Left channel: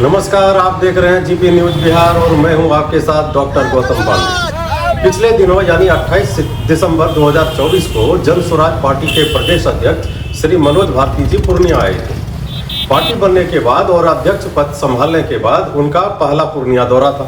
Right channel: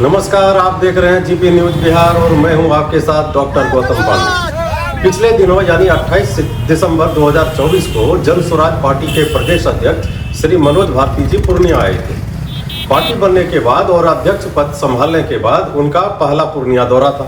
नमस्कार, आप देख रहे हैं जीपी न्यूज बिहार और मैं हूं आपके साथ डॉक्टर गौतम पांडे। पिछले दिनों यानी 28 दिसंबर 2024 को जन स्वराज पार्टी के प्रदेश अध्यक्ष श्री मनोज भारती जी पूर्णिया आए थे। पार्टी बनने के बाद और अध्यक्ष पद संभालने के बाद उनका पहला पूर्णिया दौरा था।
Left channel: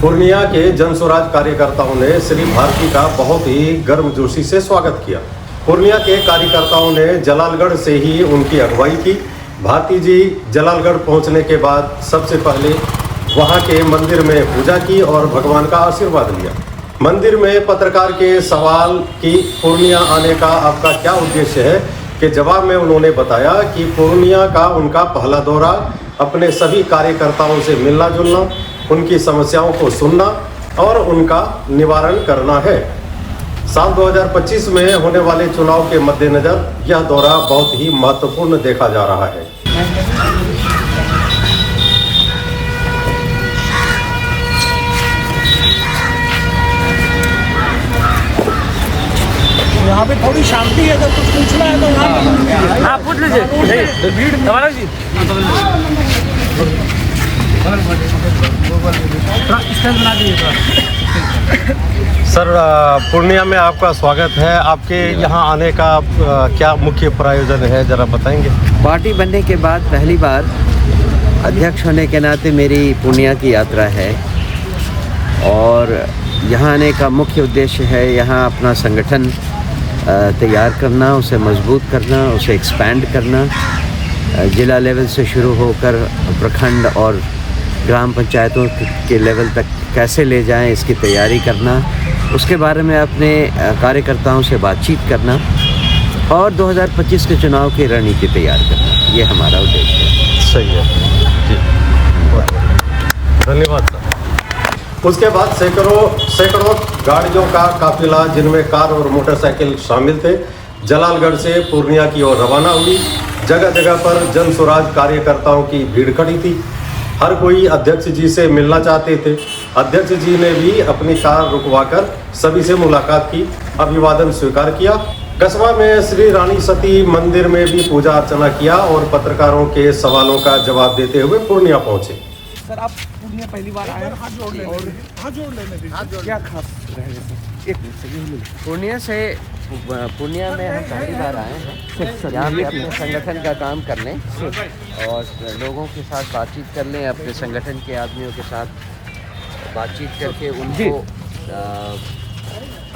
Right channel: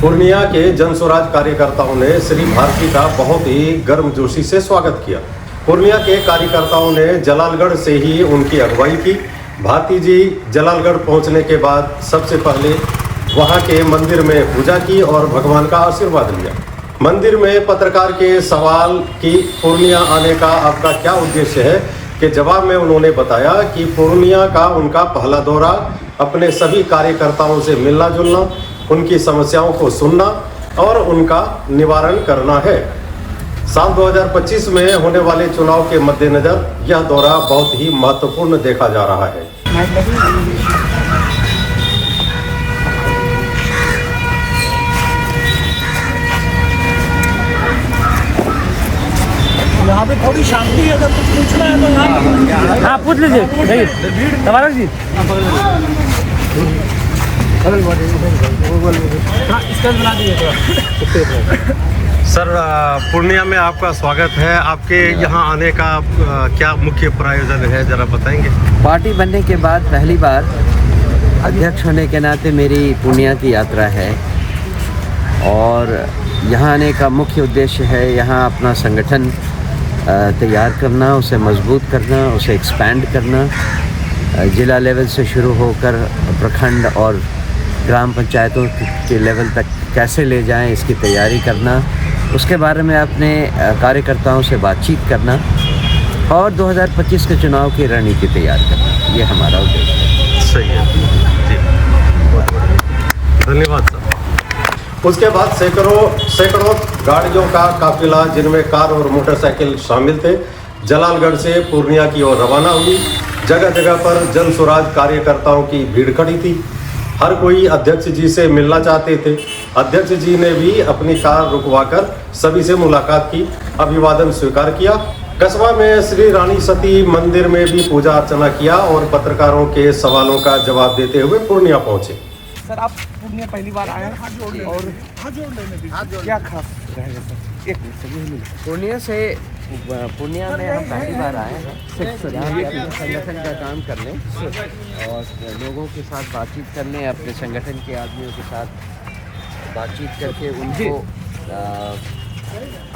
पूर्णिया के जन स्वराज कार्यकर्ताओं ने श्री भारती का बहुत ही गर्मजोशी से स्वागत किया। पूर्णिया के कार्यकर्ताओं ने जलालगढ़ से ही उनकी अगुवाई की। भारती जी जलालगढ़ पहुंचने के बाद सबसे पहले वहां के मंदिर में पूजा की और भगवान का आशीर्वाद लिया। मंदिर में पत्रकार के सवाल कि पूर्णिया आने का आपका क्या उद्देश्य है के जवाब में उन्होंने बताया कि पूर्णिया का उनका पहला दौरा अपने सभी कार्यकर्ताओं से मिलना जुलना, उनकी समस्याओं को सुनना और उनका निवारण करना है। साल 2025 में होने वाले चुनाव के मद्देनजर यह दौरा बहुत ही महत्वपूर्ण देखा जा रहा है। यहाँ पे थोड़ी शांति है, अगर कुछ पूछना है तो यहाँ पूछ लीजिए। भीड़ सर, पूर्णिया में आपका स्वागत है। आपके यहाँ आने का क्या मुख्य प्रायोजन है, जरा बताएंगे? पार्टी बनने के बाद पहली बार अध्यक्ष होने के नाते मेरी पूर्णिया की यात्रा है और यहाँ आने का मुख्य उद्देश्य है यहाँ अपना संगठन तैयार करना, उसे मजबूत करना, उसे एक्सपैंड करना, जिला लेवल से शुरू होकर प्रखंड और ग्राम पंचायतों के लेवल तक कैसे ले जाएं, इसकी तैयारी करना, उसके बारे में अपने कार्यकर्ताओं से बातचीत करना और 2025 के चुनाव की रणनीति तैयार करना, ये हमारा उद्देश्य है। सही है जी, धन्यवाद सर। उसके बाद सैकड़ों गाड़ियों का काफिला, जिनमें कार और मोटरसाइकिल शामिल थे, जलालगढ़ से पूर्णिया की ओर रवाना हुई। जगह जगह पर जन स्वराज कार्यकर्ताओं की भीड़ खड़ी थी। हर कोई अध्यक्ष जी से मिलना चाहते थे। अध्यक्ष जी ने भी अपनी कार रुकवाकर सभी से मुलाकात की, अभिवादन स्वीकार किया। कस्बा में श्री रानी सती मंदिर में भी पूजा अर्चना किया और पत्रकारों के सवालों का जवाब देते हुए पूर्णिया पहुंचे। सर, आप पूर्णिया पहली बार आए हैं और क्या खास रहेगा सर? एक मिनट सर, पूर्णिया में हम पहली बार आए हैं। यहाँ पे अपने संगठन का काम करने और लोगों के साथ बातचीत करने, अपने संगठन के आदमियों के साथ बातचीत करके उनको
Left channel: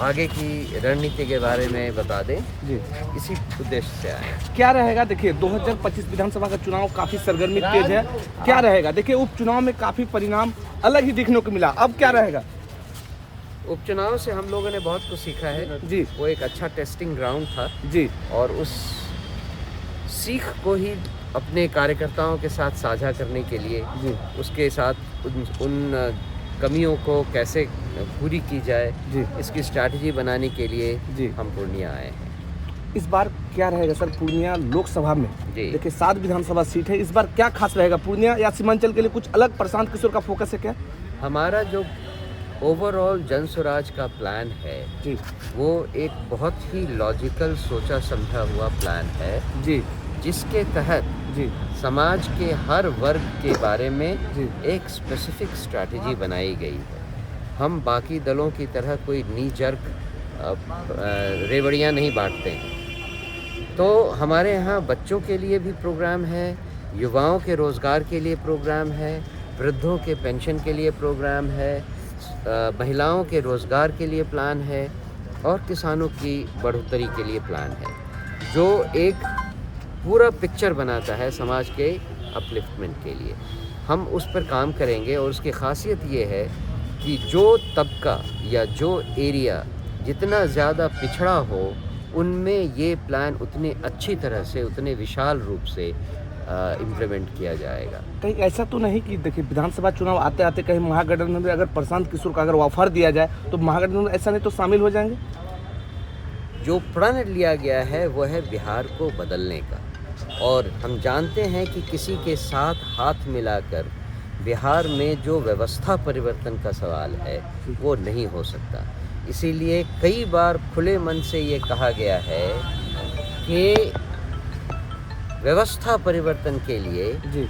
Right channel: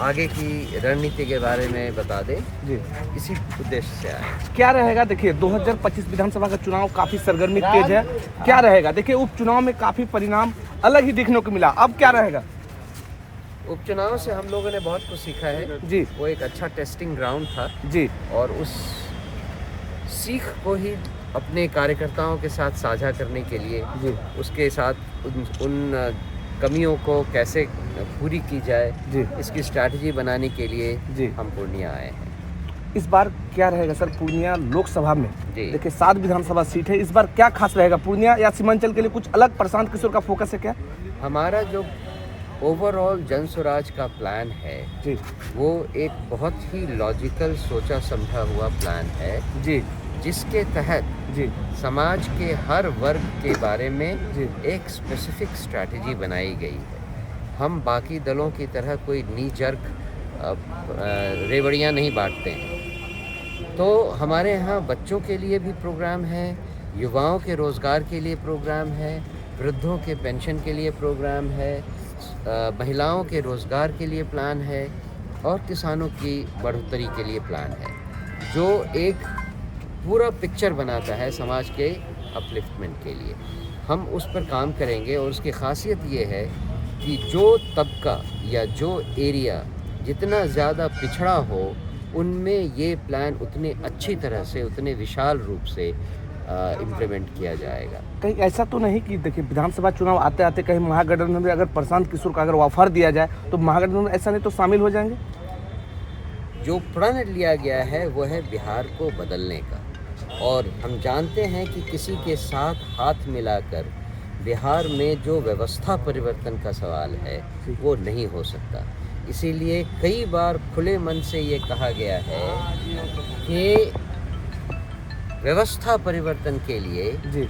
आगे की रणनीति के बारे में बता दें जी, इसी उद्देश्य से आए। क्या रहेगा? देखिए, 2025 विधानसभा का चुनाव काफी सरगर्मी तेज है। क्या रहेगा? देखिए, उपचुनाव में काफी परिणाम अलग ही देखने को मिला। अब क्या रहेगा? उपचुनाव से हम लोगों ने बहुत कुछ सीखा है जी। वो एक अच्छा टेस्टिंग ग्राउंड था जी, और उस सीख को ही अपने कार्यकर्ताओं के साथ साझा करने के लिए जी, उसके साथ उन कमियों को कैसे पूरी की जाए जी, इसकी स्ट्रैटेजी बनाने के लिए जी हम पूर्णिया आए हैं। इस बार क्या रहेगा सर पूर्णिया लोकसभा में? देखिए, 7 विधानसभा सीट है। इस बार क्या खास रहेगा पूर्णिया या सीमांचल के लिए? कुछ अलग प्रशांत किशोर का फोकस है क्या? हमारा जो ओवरऑल जन स्वराज का प्लान है जी, वो एक बहुत ही लॉजिकल सोचा समझा हुआ प्लान है जी, जिसके तहत जी समाज के हर वर्ग के बारे में जी एक स्पेसिफिक स्ट्रैटेजी बनाई गई है। हम बाकी दलों की तरह कोई नी जर्क रेवड़ियाँ नहीं बांटते हैं। तो हमारे यहाँ बच्चों के लिए भी प्रोग्राम है, युवाओं के रोज़गार के लिए प्रोग्राम है, वृद्धों के पेंशन के लिए प्रोग्राम है, महिलाओं के रोज़गार के लिए प्लान है और किसानों की बढ़ोतरी के लिए प्लान है, जो एक पूरा पिक्चर बनाता है समाज के अपलिफ्टमेंट के लिए। हम उस पर काम करेंगे और उसकी खासियत ये है कि जो तबका या जो एरिया जितना ज़्यादा पिछड़ा हो, उनमें ये प्लान उतने अच्छी तरह से, उतने विशाल रूप से इम्प्लीमेंट किया जाएगा। कहीं ऐसा तो नहीं कि देखिए, विधानसभा चुनाव आते आते कहीं महागठबंधन में अगर प्रशांत किशोर का अगर ऑफर दिया जाए तो महागठबंधन ऐसा नहीं तो शामिल हो जाएंगे? जो प्रण लिया गया है वो है बिहार को बदलने का, और हम जानते हैं कि किसी के साथ हाथ मिलाकर बिहार में जो व्यवस्था परिवर्तन का सवाल है वो नहीं हो सकता। इसीलिए कई बार खुले मन से ये कहा गया है कि व्यवस्था परिवर्तन के लिए जी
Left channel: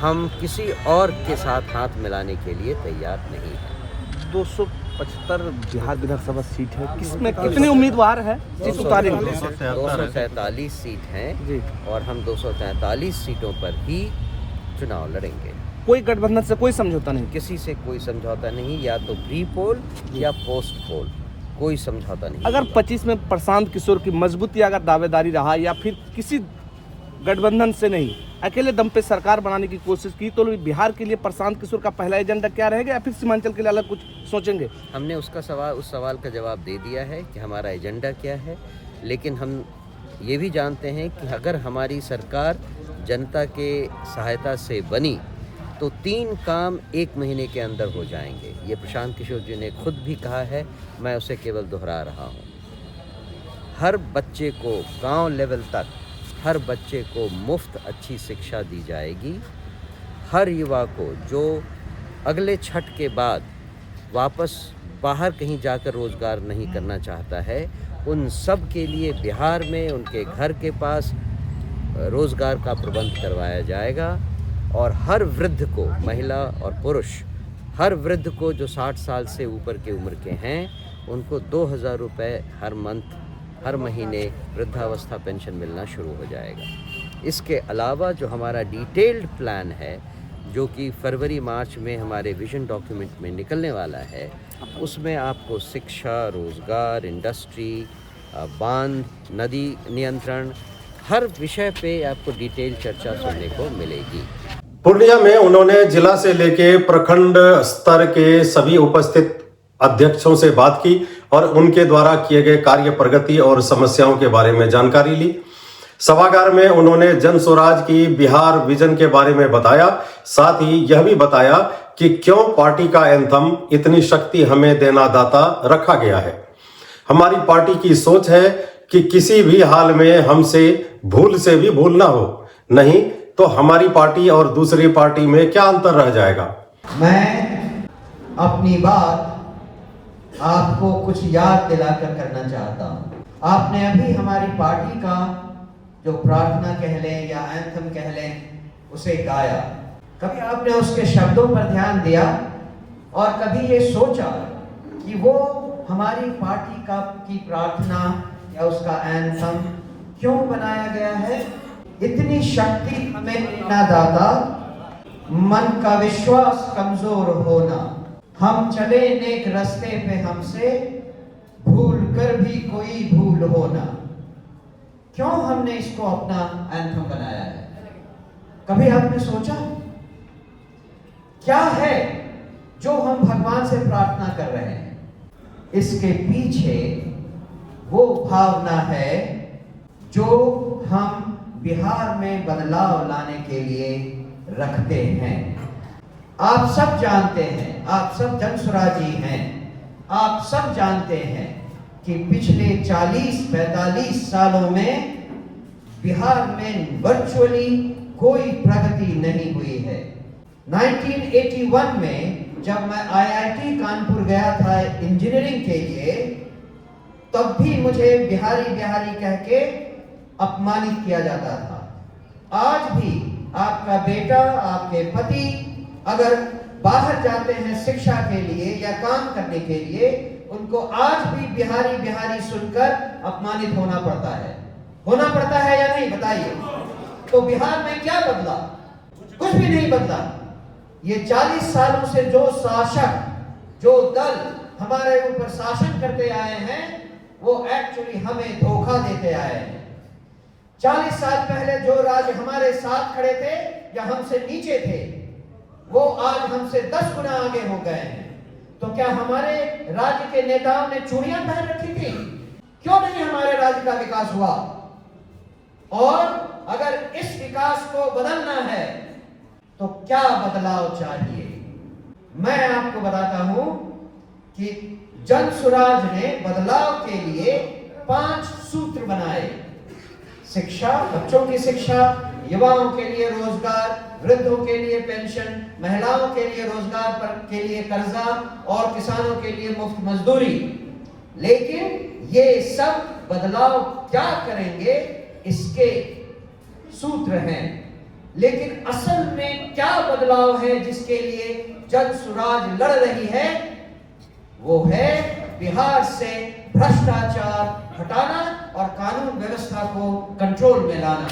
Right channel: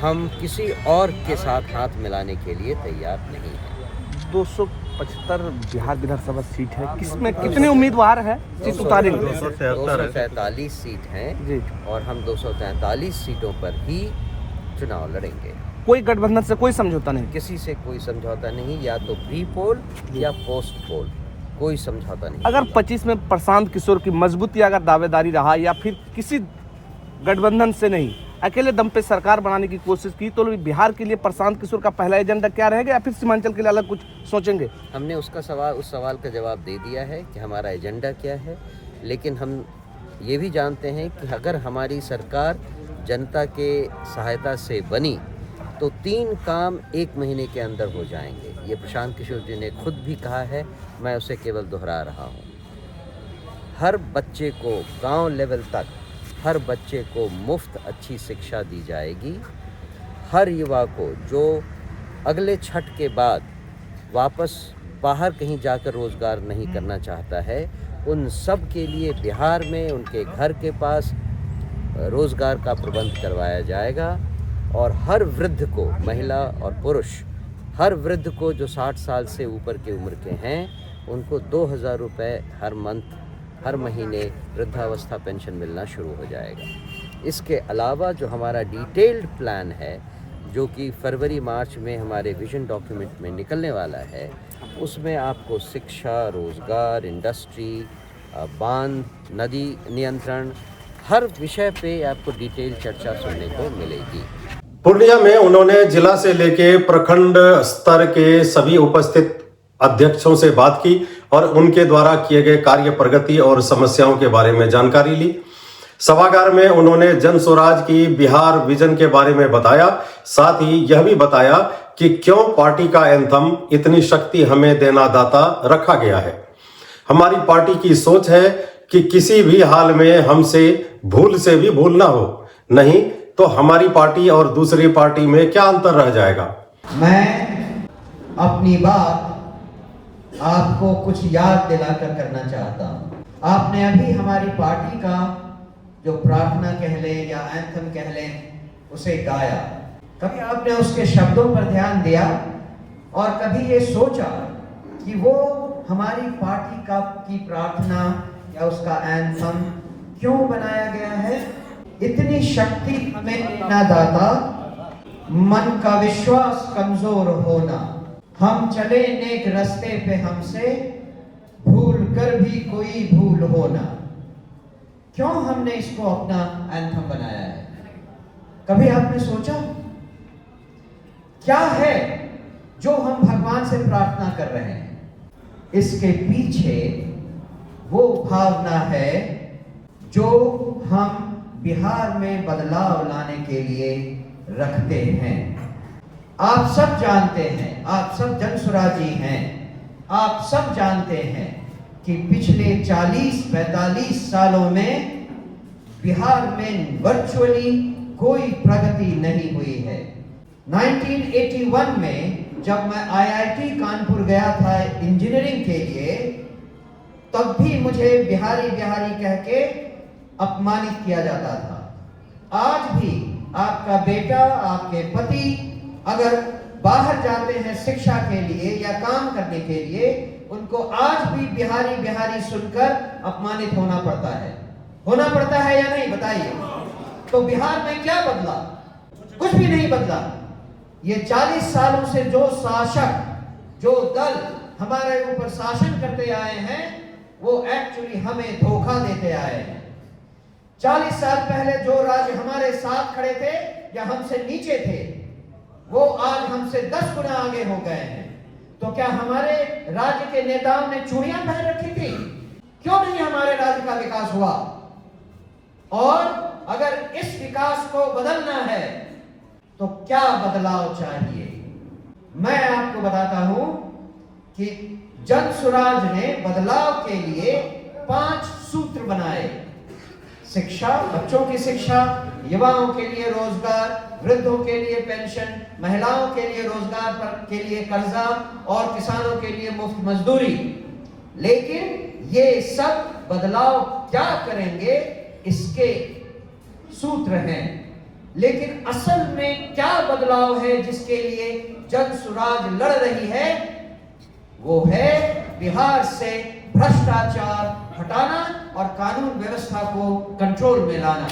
हम किसी और के साथ हाथ मिलाने के लिए तैयार नहीं हैं। 275 बिहार विधानसभा सीट है, किसमें कितने उम्मीदवार है सीट उतारेंगे? 243 सीट हैं जी। और हम 243 सीटों पर ही चुनाव लड़ेंगे। कोई गठबंधन से कोई समझौता नहीं? किसी से कोई समझौता नहीं, या तो प्री पोल या पोस्ट पोल, कोई समझौता नहीं। अगर 25 में प्रशांत किशोर की मजबूती अगर दावेदारी रहा या फिर किसी गठबंधन से नहीं, अकेले दम पे सरकार बनाने की कोशिश की, तो बिहार के लिए प्रशांत किशोर का पहला एजेंडा क्या रहेगा या फिर सीमांचल के लिए अलग कुछ सोचेंगे? हमने उस सवाल का जवाब दे दिया है कि हमारा एजेंडा क्या है, लेकिन हम ये भी जानते हैं कि अगर हमारी सरकार जनता के सहायता से बनी तो 3 काम 1 महीने के अंदर हो जाएंगे। ये प्रशांत किशोर जी ने खुद भी कहा है, मैं उसे केवल दोहरा रहा हूँ। हर बच्चे को गांव लेवल तक हर बच्चे को मुफ्त अच्छी शिक्षा दी जाएगी। हर युवा को जो अगले छठ के बाद वापस बाहर कहीं जाकर रोज़गार नहीं करना चाहता है, उन सब के लिए बिहार में उनके घर के पास रोज़गार का प्रबंध करवाया जाएगा। और हर वृद्ध को, महिला और पुरुष, हर वृद्ध को जो 60 साल से ऊपर के उम्र के हैं, उनको 2000 रुपये हर मंथ, हर महीने वृद्धावस्था पेंशन मिलना शुरू हो जाएगा। इसके अलावा जो हमारा डिटेल्ड प्लान है, जो कि फरवरी मार्च में हमारे विजन डॉक्यूमेंट में निकलने वाला है, उसमें आपको शिक्षा, रोज़गार, इंडस्ट्री, बांध, नदी नियंत्रण, हर विषय पे आपको डिटेल चर्चा सुनने को मिलेगी। पूर्णिया में उन्होंने जिला से लेके प्रखंड स्तर के सभी उपस्थित अध्यक्षों से बात की और उनके द्वारा किए गए कार्य, प्रगति और समस्याओं के बारे में जानकारी ली। सभागार में उन्होंने जन स्वराज की बिहार विजन के बारे में बताया। साथ ही यह भी बताया कि क्यों पार्टी का एंथम इतनी शक्ति हमें देना दाता रखा गया है। हमारी पार्टी की सोच है कि किसी भी हाल में हमसे भूल से भी भूल ना हो, नहीं तो हमारी पार्टी और दूसरी पार्टी में क्या अंतर रह जाएगा। मैं अपनी बात आपको कुछ याद दिलाकर करना चाहता हूँ। आपने अभी हमारी पार्टी का जो प्रार्थना कह ले या एंथम कह ले उसे गाया। कभी आपने उसके शब्दों पर ध्यान दिया और कभी ये सोचा कि वो हमारी पार्टी की प्रार्थना या उसका एंथम क्यों बनाया गया है? इतनी शक्ति हमें देना दाता, मन का विश्वास कमजोर होना, हम चले नेक रास्ते पे हमसे भूल कर भी कोई भूल होना। क्यों हमने इसको अपना एंथम बनाया है? कभी आपने सोचा क्या है जो हम भगवान से प्रार्थना कर रहे हैं? इसके पीछे वो भावना है जो हम बिहार में बदलाव लाने के लिए रखते हैं। आप सब जानते हैं, आप सब जन स्वराजी हैं, आप सब जानते हैं कि पिछले 40-45 सालों में बिहार में वर्चुअली कोई प्रगति नहीं हुई है। 1981 में जब मैं IIT कानपुर गया था इंजीनियरिंग के लिए, तब भी मुझे बिहारी बिहारी कह के अपमानित किया जाता था। आज भी आपका बेटा, आपके पति अगर बाहर जाते हैं शिक्षा के लिए या काम करने के लिए, उनको आज भी बिहारी बिहारी सुनकर अपमानित होना पड़ता है। होना पड़ता है या नहीं, बताइए। तो बिहार में क्या बदला? कुछ भी नहीं बदला। ये 40 सालों से जो शासक, जो दल हमारे ऊपर शासन करते आए हैं, वो एक्चुअली हमें धोखा देते आए हैं। 40 साल पहले जो राज्य हमारे साथ खड़े थे या हमसे नीचे थे, वो आज हमसे 10 गुना आगे हो गए हैं। तो क्या हमारे राज्य के नेताओं ने चूड़ियां पहन रखी थी? क्यों नहीं हमारे राज्य का विकास हुआ? और अगर इस विकास को बदलना है तो क्या बदलाव चाहिए? मैं आपको बताता हूं कि जन स्वराज ने बदलाव के लिए 5 सूत्र बनाए। शिक्षा, बच्चों की शिक्षा, युवाओं के लिए रोजगार, वृद्धों के लिए पेंशन, महिलाओं के लिए रोजगार के लिए कर्जा और किसानों के लिए मुफ्त मजदूरी। लेकिन ये सब बदलाव क्या करेंगे, इसके सूत्र हैं। लेकिन असल में क्या बदलाव है जिसके लिए जन सुराज लड़ रही है, वो है बिहार से भ्रष्टाचार हटाना और कानून व्यवस्था को कंट्रोल में लाना।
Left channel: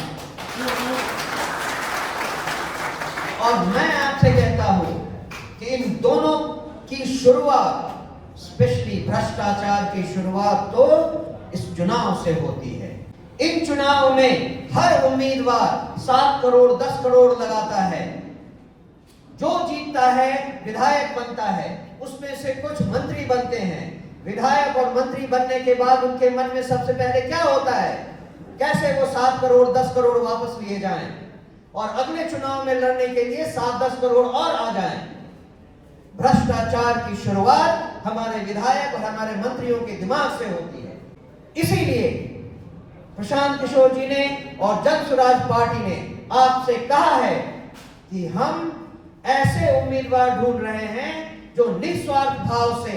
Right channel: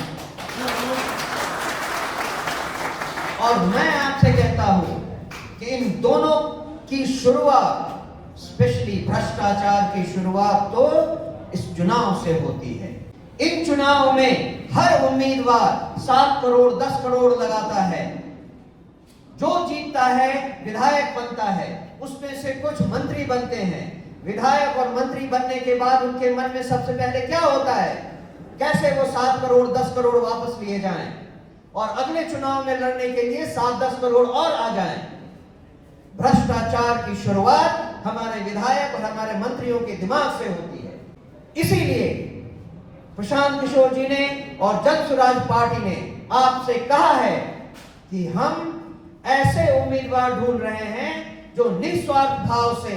और मैं आपसे कहता हूं कि इन दोनों की शुरुआत, स्पेशली भ्रष्टाचार की शुरुआत तो इस चुनाव से होती है। इन चुनाव में हर उम्मीदवार 7 करोड़ 10 करोड़ लगाता है। जो जीतता है विधायक बनता है, उसमें से कुछ मंत्री बनते हैं। विधायक और मंत्री बनने के बाद उनके मन में सबसे पहले क्या होता है, कैसे वो 7 करोड़ 10 करोड़ वापस लिए जाएं और अगले चुनाव में लड़ने के लिए 7-10 करोड़ और आ जाए। भ्रष्टाचार की शुरुआत हमारे विधायक और हमारे मंत्रियों के दिमाग से होती है। इसीलिए प्रशांत किशोर जी ने और जन सुराज पार्टी ने आपसे कहा है कि हम ऐसे उम्मीदवार ढूंढ रहे हैं जो निस्वार्थ भाव से,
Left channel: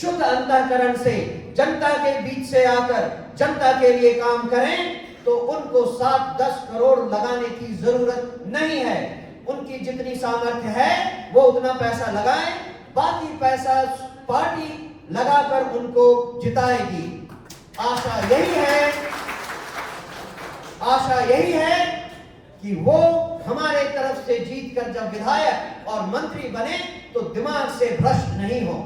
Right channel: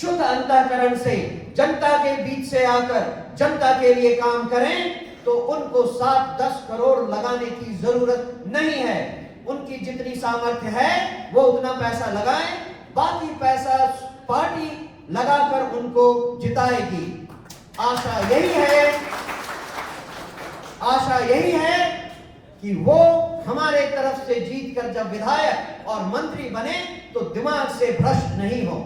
शुद्ध अंतःकरण से, जनता के बीच से आकर जनता के लिए काम करें। तो उनको 7-10 करोड़ लगाने की जरूरत नहीं है। उनकी जितनी सामर्थ्य है वो उतना पैसा लगाएं, बाकी पैसा पार्टी लगाकर उनको जिताएगी। आशा यही है कि वो हमारे तरफ से जीतकर जब विधायक और मंत्री बने तो दिमाग से भ्रष्ट नहीं हो।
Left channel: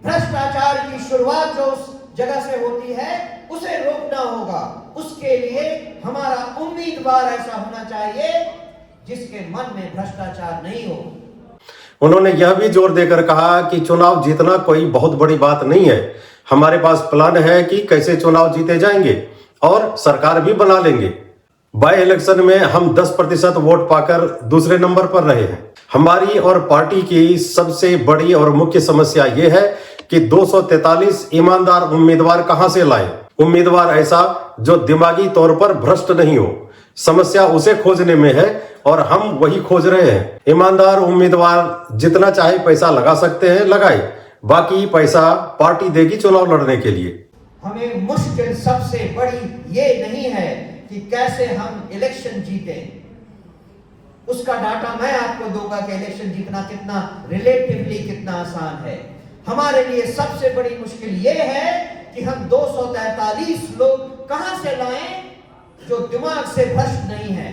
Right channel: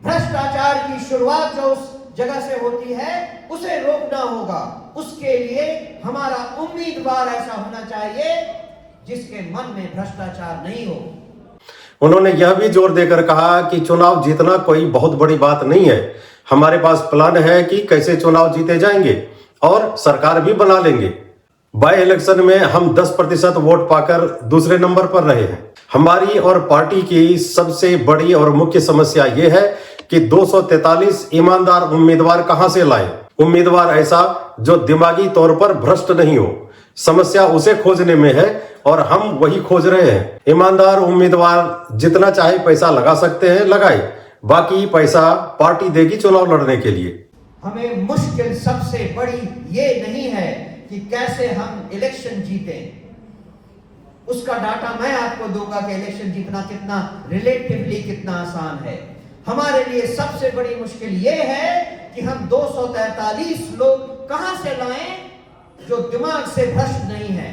भ्रष्टाचार की शुरुआत जो उस जगह से होती है उसे रोकना होगा। उसके लिए हमारा उम्मीदवार ऐसा होना चाहिए जिसके मन में भ्रष्टाचार नहीं हो। उन्होंने यह भी जोर देकर कहा कि चुनाव जीतना कोई बहुत बड़ी बात नहीं है। हमारे पास प्लान है कि कैसे चुनाव जीते जाएंगे और सरकार भी बना लेंगे। बाई इलेक्शन में हम 10% वोट पाकर दूसरे नंबर पर रहे हैं। हमारी और पार्टी की सबसे बड़ी और मुख्य समस्या यह है कि 243 ईमानदार उम्मीदवार कहां से लाएं। उम्मीदवार ऐसा जो दिमागी तौर पर भ्रष्ट नहीं हो। समस्या उसे खोजने में है और हम वही खोज रहे हैं। ईमानदार उम्मीदवार जितना चाहे पैसा लगा सकते हैं, लगाए, बाकी पैसा पार्टी देगी चुनाव लड़ने के लिए। हमें मुश्किल सबसे बड़ी ये नहीं है कि कैसे हम इलेक्शन जीते। उसका डाटा मैं आपको दूंगा कि इलेक्शन जीतना कितना रिलेटिवली कितना आसान है। हमारे लिए सबसे बड़ी मुश्किल ये है कि हम 243 लोग कहां से लाएं जो दिमाग से भ्रष्ट नहीं है।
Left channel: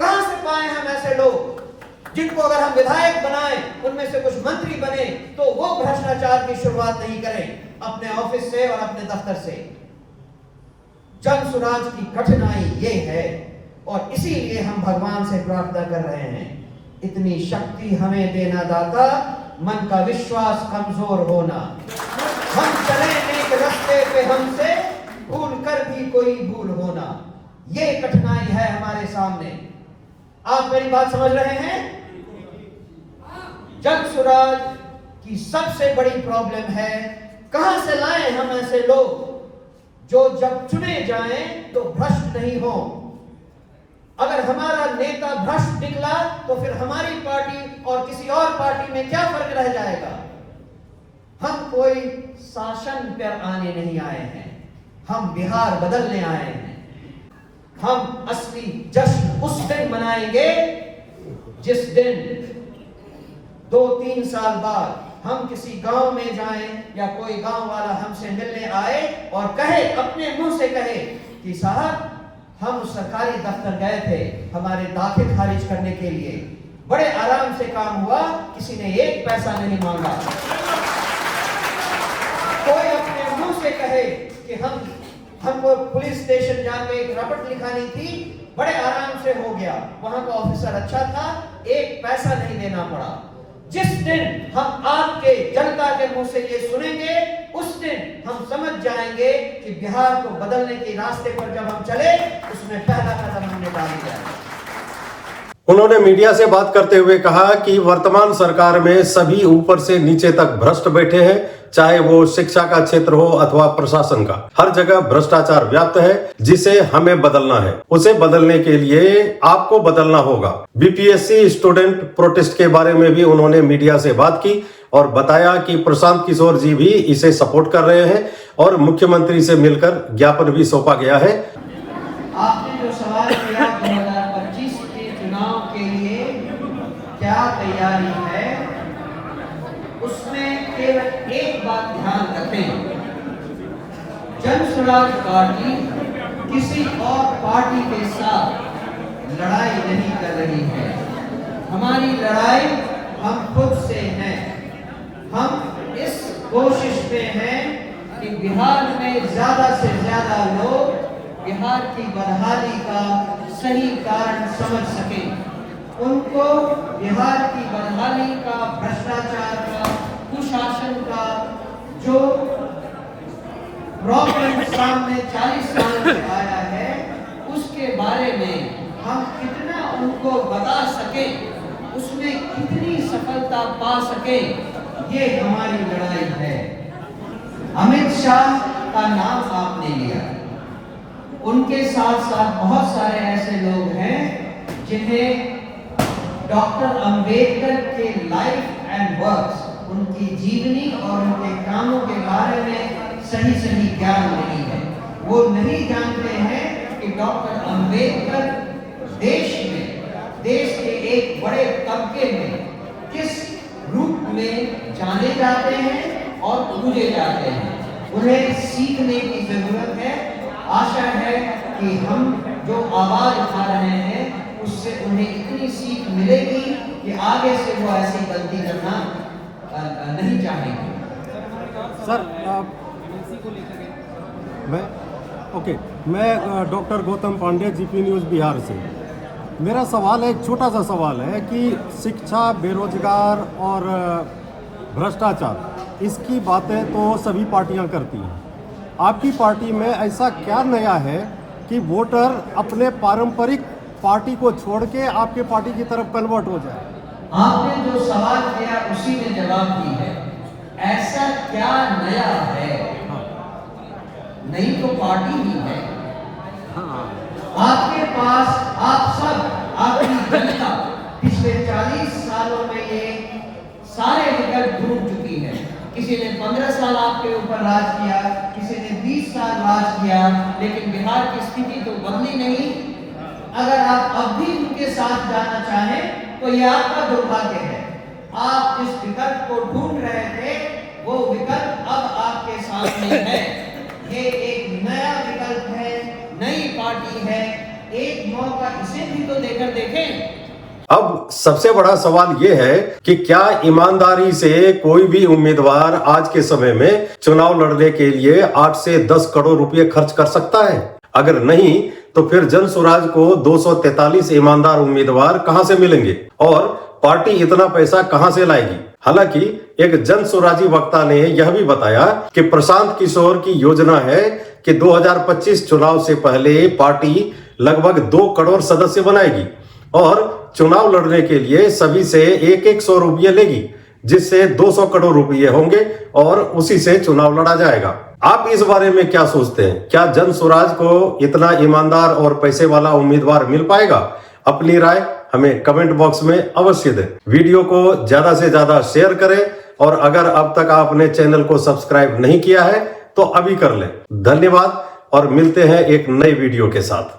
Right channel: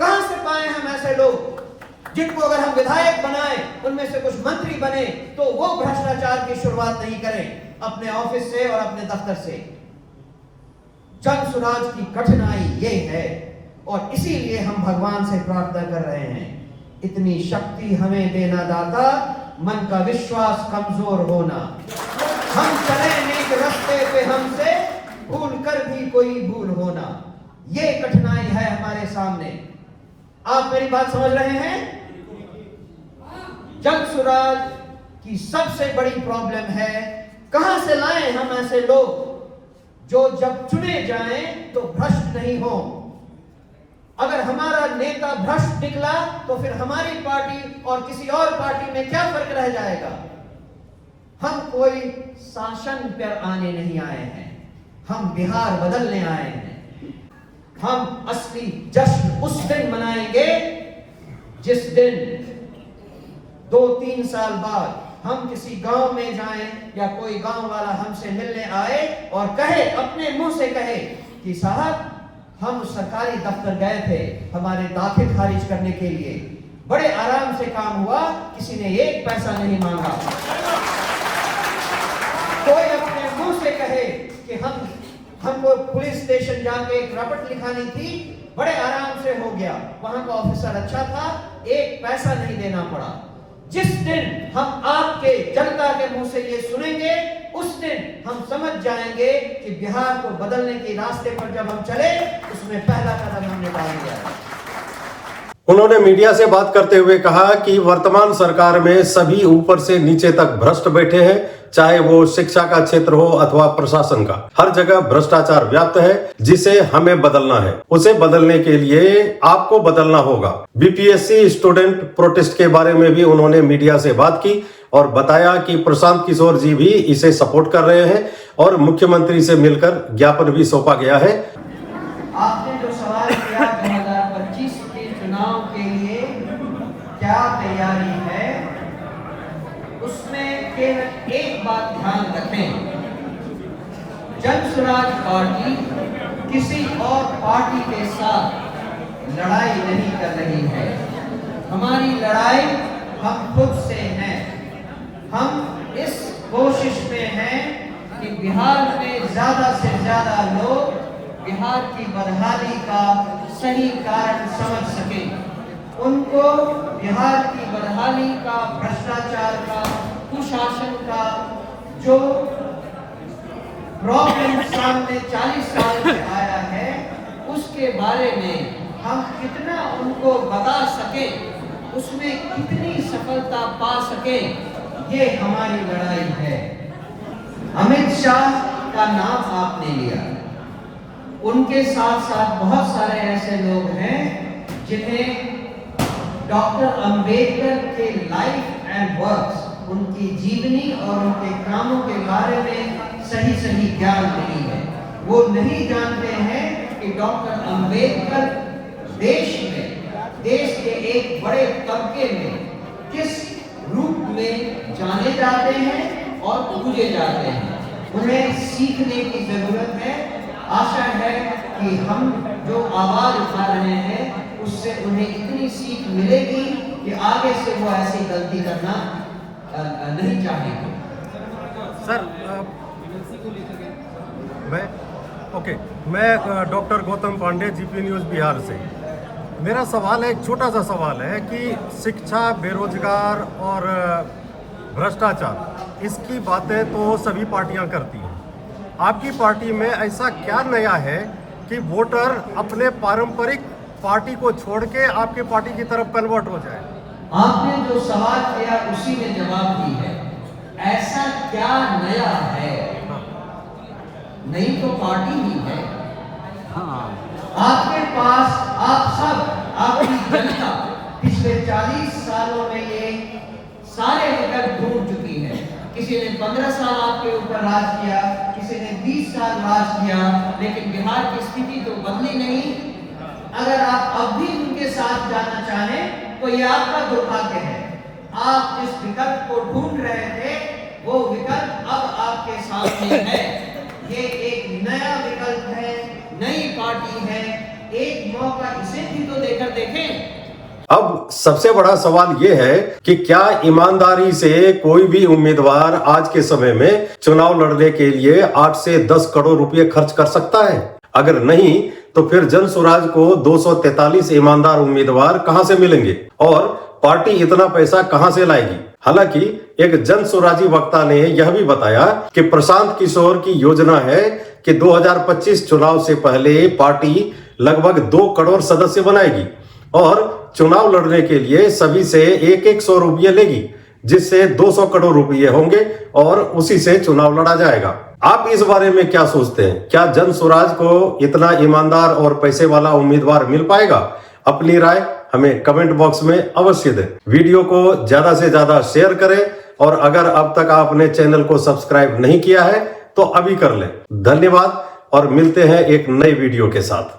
कहां से पाए हम ऐसे लोग जिनको अगर हम विधायक बनाएं, उनमें से कुछ मंत्री बने, तो वो भ्रष्टाचार की शुरुआत नहीं करें अपने ऑफिस से और अपने दफ्तर से। जन सुराज की कठिनाई ये है और इसीलिए हम भगवान से प्रार्थना कर रहे हैं, इतनी शक्ति हमें देना दाता, मन का विश्वास कमजोर होना। हम चले नेक रास्ते पे, हमसे भूल कर भी कोई भूल होना। ये कठिनाई है हमारे सामने। आप मेरी बात समझ रहे हैं? जन सुराज की सबसे बड़ी प्रॉब्लम है कहां से लाएं हम ऐसे लोग जो जब चुने जाएं तो भ्रष्ट नहीं हो। अगर हमारा नेता भ्रष्ट निकला तो फिर हमारी पार्टी और किसी और पार्टी में क्या फर्क रह जाएगा। हम कोई शासन पर आने नहीं आए हैं, हम बिहार बदलने आए हैं। हम असली जश्न उस दिन मनाएंगे जिस दिन 2-3 साल बाद हम किसी गांव में जाएं या कोई गांव वाला हमसे मिलने आए और कहे, अपने मुंह से कहे कि साहब हम सरकारी दफ्तर गए थे हमारे दाखिल खारिज करने के लिए, बड़े आराम से काम हुआ, किसी ने 1 पैसा नहीं मांगा। कोई अपने मुंह से कहे कि हमको पुलिस स्टेशन जाके एक रपट लिखानी थी, बड़े आराम से हो गया, वहां का ऑफिसर अच्छा था, 1 पैसा नहीं देना पड़ा। जिस दिन हम आपके जनता के मुंह से ये सुनेंगे, उस दिन हम समझ जाएंगे कि बिहार को बदलने के रास्ते पर जब हम चले, उसमें पहला कदम हमने डाल दिया। उन्होंने मीडिया से बात करते हुए कहा कि वर्तमान सरकार में सभी ऊपर से नीचे तक भ्रष्ट बैठे हैं, चाहे वो शिक्षा का क्षेत्र हो अथवा प्रशासन का। हर जगह भ्रष्टाचार व्याप्त है, जिसे हमें बदलना है। उसे बदलने के लिए आपको बदलना होगा। बीपीएससी स्टूडेंट प्रोटेस्ट के बारे में भी उन्होंने मीडिया से बात की और बताया कि प्रशांत किशोर जी भी इसे सपोर्ट कर रहे हैं और मुख्यमंत्री से मिलकर ज्ञापन भी सौंपा गया है। आपने जो सवाल किया उसमें केवल एक बात ध्यान रखें, जन स्वराज पार्टी किसी और पार्टी के साथ लड़ाई नहीं कर रही है। हमारी लड़ाई हम खुद से है। हम इस कोशिश में हैं कि बिहार में ज्यादा से ज्यादा लोग बिहार की बदहाली का सही कारण समझ सकें, उनको बिहार की बदहाली का, भ्रष्टाचार का, कुशासन का जो प्रॉब्लम सामने 40 साल से आया है, उसके बारे में हम कितना उनको बता सके, उसमें कितनी सफलता पा सके, ये हमारी लड़ाई है। अमित शाह का नाम आपने लिया, उनके साथ साथ बहुत सारे ऐसे लोग हैं जिन्हें डॉक्टर अंबेडकर के लाइफ एंड वर्क्स, उनकी जीवनी और उनके कामों के बारे में सही ज्ञान नहीं है। वो नहीं जानते हैं कि डॉक्टर अंबेडकर देश के एक बड़े तबके में किस रूप में जाने जाते हैं और पूजे जाते हैं। उन्हें सीखने की जरूरत है। आशा है कि हम जो आवाज उठा रहे हैं उससे उन्हें इतनी सीख मिलेगी कि आगे से वो ऐसी गलती करना नहीं चाहेंगे। सर मैं doctor Gautam Pandey, GP news Bihar से। मेरा सवाल है, एक छोटा सा सवाल है कि शिक्षा, बेरोजगार और भ्रष्टाचार, इसकी बातें तो सभी पार्टियां करती हैं। आपकी पार्टी में ऐसा क्या नया है कि वोटर अपने पारंपरिक पार्टी को छोड़ के आपके पार्टी की तरफ कन्वर्ट हो जाए? आपने जो सवाल किया उसी में जवाब दी है। ऐसा क्या नया है? नई तो पार्टी ही है। आपके पास आप सब, आपकी जनता पिछले 40 सालों में ये सारे विकल्प ढूंढ चुकी है। किसी ने 15 साल आपके ऊपर राज किया, किसी ने 20 साल राज किया, लेकिन बिहार की स्थिति तो बदली नहीं। अगर आप अब भी उनके साथ जाना चाहें तो ये आपका दुर्भाग्य है। आप जिस विकल्प को ढूंढ रहे थे वो विकल्प अब आपके सामने है। ये एक नया विकल्प है, नई पार्टी है। एक मौका इसे भी तो देकर देखें। अब सबसे बड़ा सवाल यह है कि क्या ईमानदारी से कोई भी उम्मीदवार आज के समय में चुनाव लड़ने के लिए 8 से 10 करोड़ रुपए खर्च कर सकता है? अगर नहीं तो फिर जन स्वराज को 243 ईमानदार उम्मीदवार कहां से मिलेंगे और पार्टी इतना पैसा कहां से लाएगी? हालांकि एक जन स्वराजी वक्ता ने यह भी बताया कि प्रशांत किशोर की योजना है कि 2025 चुनाव से पहले पार्टी लगभग 2 करोड़ सदस्य बनाएगी और चुनाव लड़ने के लिए सभी से 100 रुपये लेगी, जिससे 200 करोड़ रुपये होंगे और उसी से चुनाव लड़ा जाएगा। आप इस बारे में क्या सोचते हैं? क्या जन स्वराज को इतना ईमानदार और पैसे वाला उम्मीदवार मिल पाएगा? अपनी राय हमें कमेंट बॉक्स में अवश्य दें। वीडियो को ज्यादा से ज्यादा शेयर करें और अगर अब तक आपने चैनल को सब्सक्राइब नहीं किया है तो अभी कर लें। धन्यवाद और मिलते हैं एक नई वीडियो के साथ।